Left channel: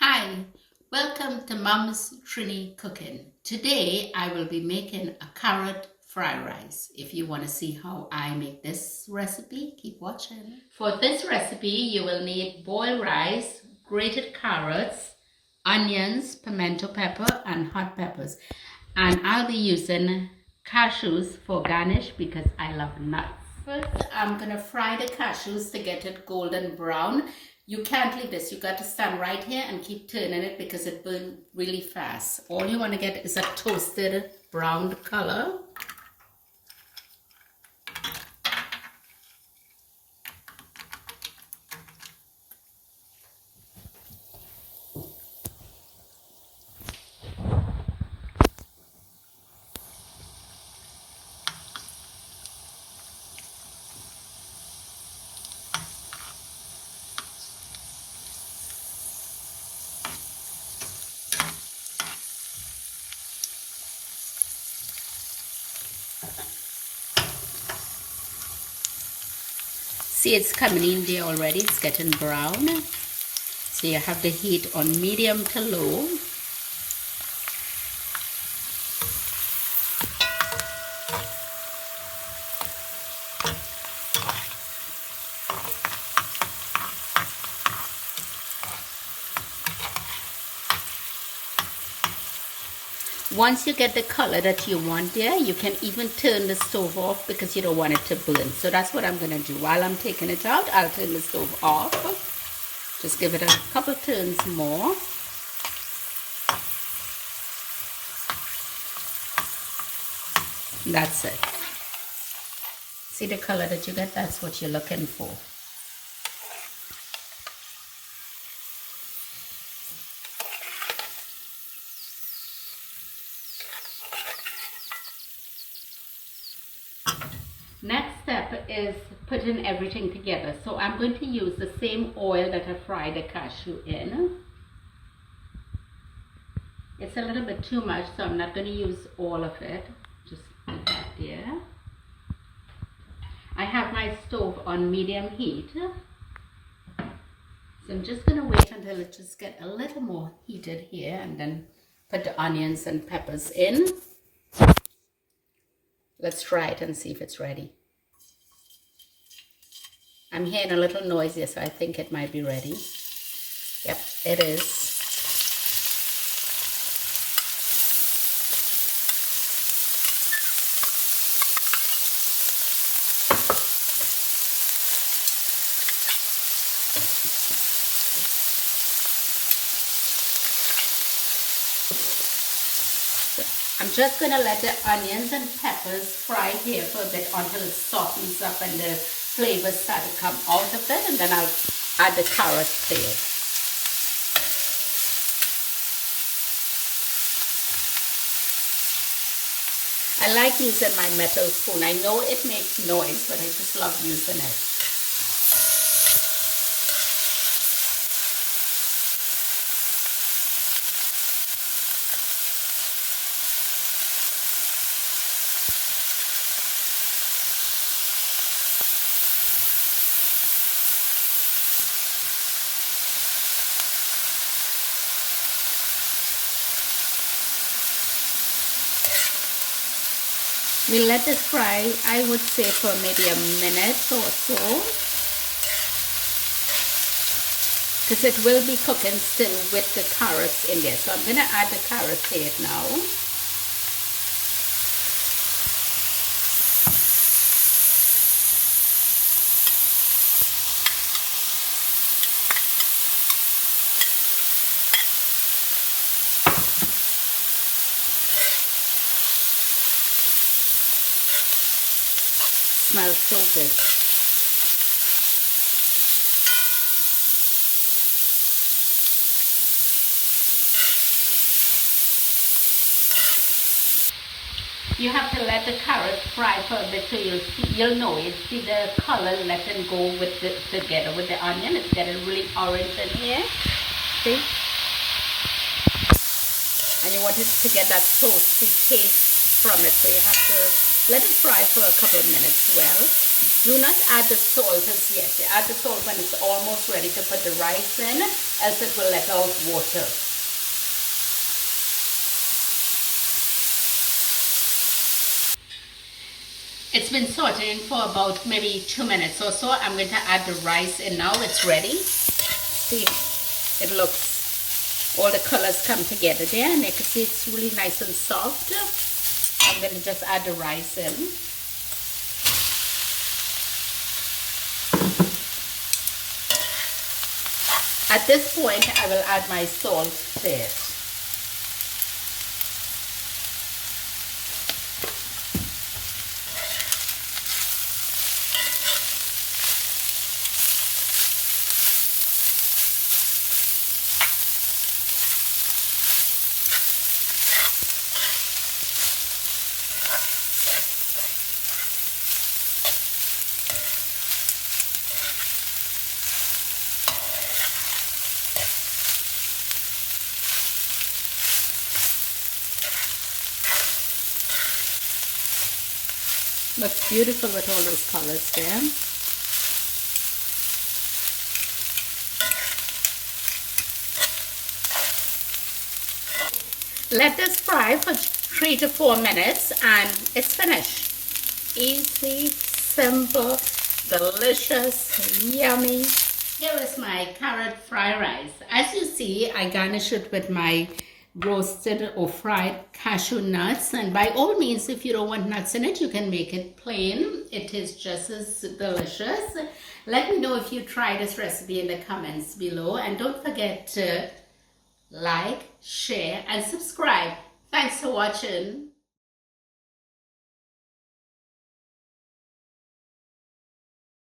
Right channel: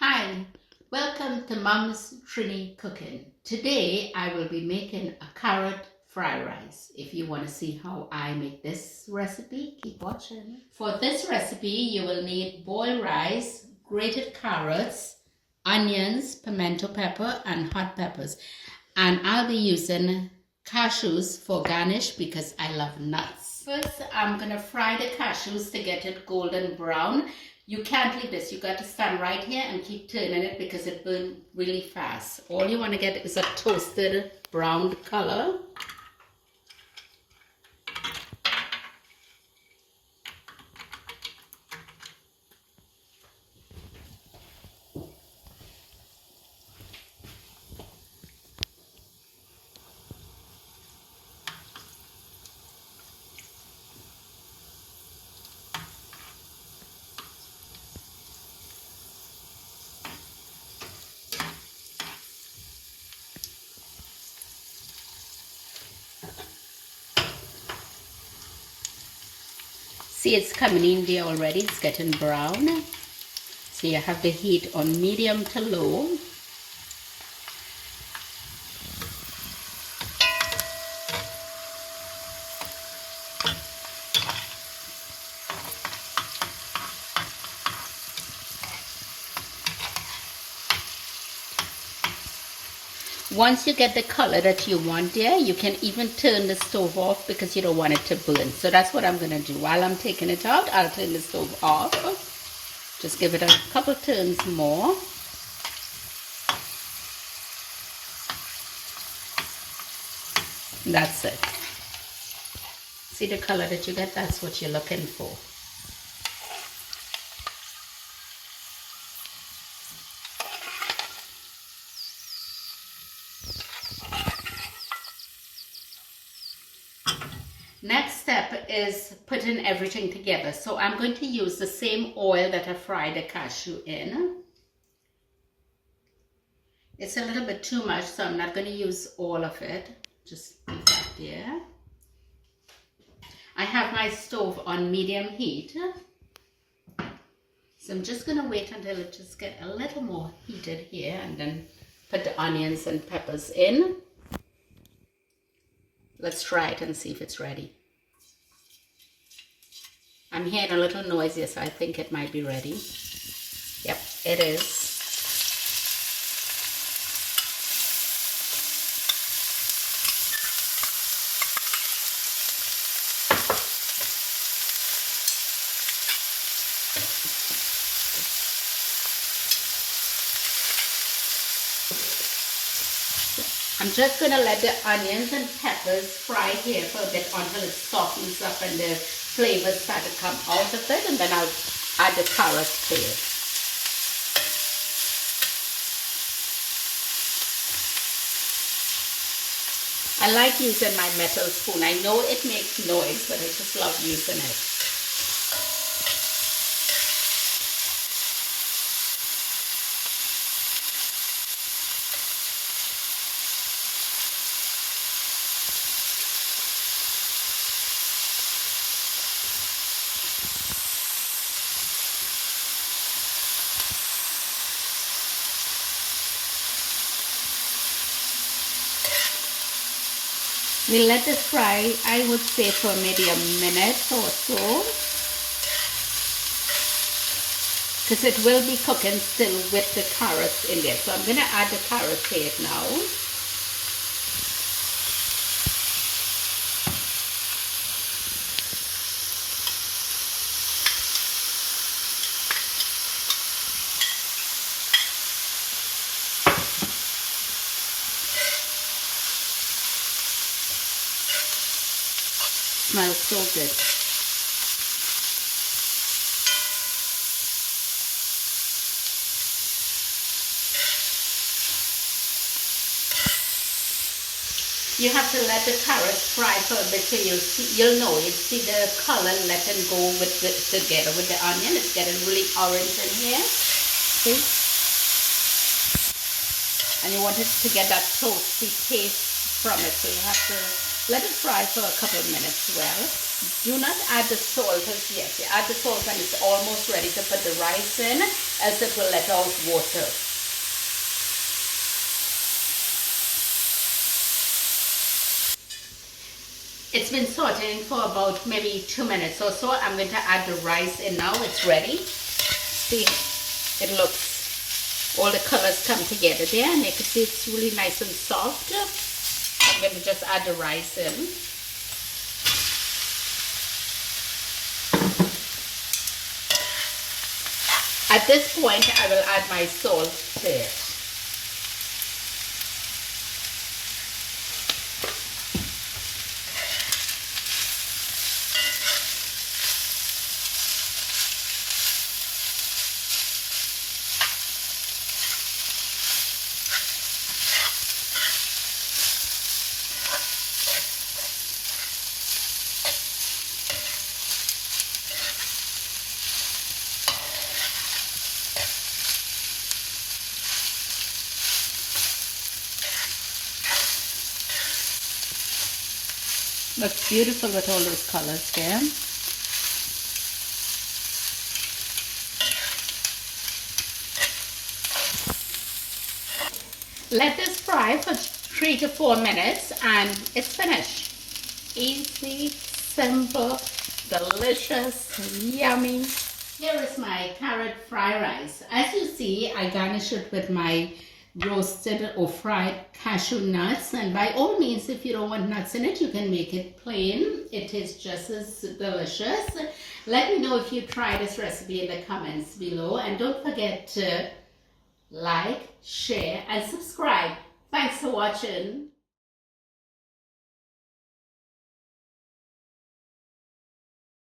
Hi, welcome to Mom's Trini Cooking. Today I will be making a carrot fried rice. If you want to see how I make this recipe, keep watching. For this recipe, you will need boiled rice, grated carrots, onions, pimento pepper, and hot peppers. And I'll be using cashews for garnish because I love nuts. First, I'm going to fry the cashews to get it golden brown. You can't leave this. You got to stand right here and keep turning it because it burns really fast. All you want to get is a toasted brown color. See, it's coming in there already. It's getting brown. So you have the heat on medium to low. Once you get the color that you want there, you can even turn the stove off because you don't want it to burn. So that's what I'm going to do. While I'm taking it out, I'll turn the stove off. Just give it a couple turns more. That's it. See the color that you get? That's what you're looking for. Next step is putting everything together. So I'm going to use the same oil that I fried the cashew in. It's a little bit too much, so I'm not going to use all of it. Just leave that there. I have my stove on medium heat. So I'm just going to wait until it just gets a little more heated here and then put the onions and peppers in. Let's try it and see if it's ready. I'm hearing a little noise here, so I think it might be ready. Yep, it is. I'm just going to let the onions and peppers fry here for a bit until it softens up and the flavors start to come out of it, and then I'll add the carrots to it. I like using my metal spoon. I know it makes noise, but I just love using it. We'll let this fry, I would say, for maybe a minute or so, because it will be cooking still with the carrots in there. So I'm going to add the carrots to it now. Smells so good. You have to let the carrots fry for a bit so you'll know it. See the color letting go with together with the onion. It's getting really orange in here. See? And you want it to get that toasty taste from it, so you have to Let it fry for a couple of minutes well. Do not add the salt as yet. You add the salt when it's almost ready to put the rice in, else it will let out water. It's been sauteing for about maybe 2 minutes or so. I'm going to add the rice in now. It's ready. See, it looks, all the colors come together there, and you can see it's really nice and soft. I'm going to just add the rice in. At this point, I will add my salt to it. Looks beautiful with all those colors there. Let this fry for 3 to 4 minutes and it's finished. Easy, simple, delicious, yummy. Here is my carrot fried rice. As you see, I garnish it with my roasted or fried cashew nuts, and by all means, if you don't want nuts in it, you can make it plain. It is just as delicious. Let me know if you try this recipe in the comments below, and don't forget to like, share and subscribe. Thanks for watching.